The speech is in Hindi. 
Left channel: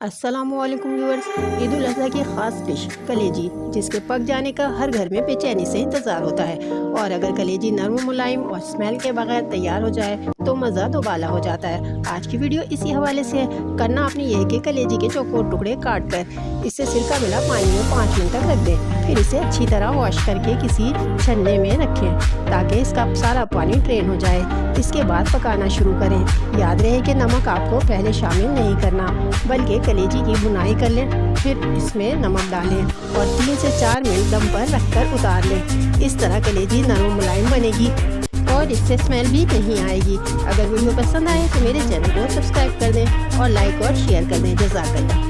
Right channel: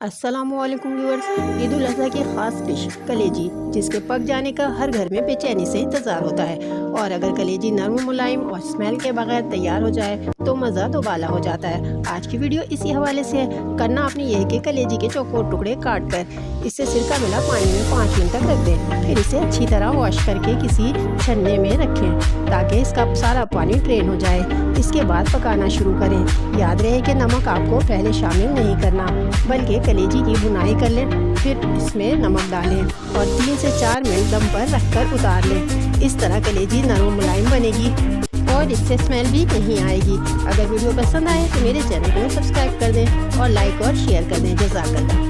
अस्सलामुअलैकुम व्यूअर्स। ईद उल अज़हा की ख़ास डिश कलेजी, जिसके पक जाने का हर घर में बेचैनी से इंतज़ार होता है। और अगर कलेजी नरम मुलायम और स्मेल के बगैर तैयार हो जाए तो मज़ा दोबाला हो जाता है। आज की वीडियो इसी हवाले से है। करना आपने यह है कि कलेजी के चौकोर टुकड़े काट कर इससे सिरका मिला पानी में 5 मिनट तक रख दें। फिर इसे अच्छी तरह वॉश करके किसी छन्ने में रखें ताकि इसका सारा पानी ड्रेन हो जाए। इसके बाद पकाना शुरू करें। याद रहे कि नमक आपको पहले शामिल नहीं करना, बल्कि कलेजी की भुनाई कर लें, फिर इसमें नमक डालें और 3 से 4 मिनट दम पर रखकर उतार लें। इस तरह कलेजी नरम मुलायम बनेगी और इससे स्मेल भी नहीं आएगी। अगर वीडियो पसंद आए तो मेरे चैनल को सब्सक्राइब कर दें और लाइक और शेयर कर दें। जज़ाकल्लाह।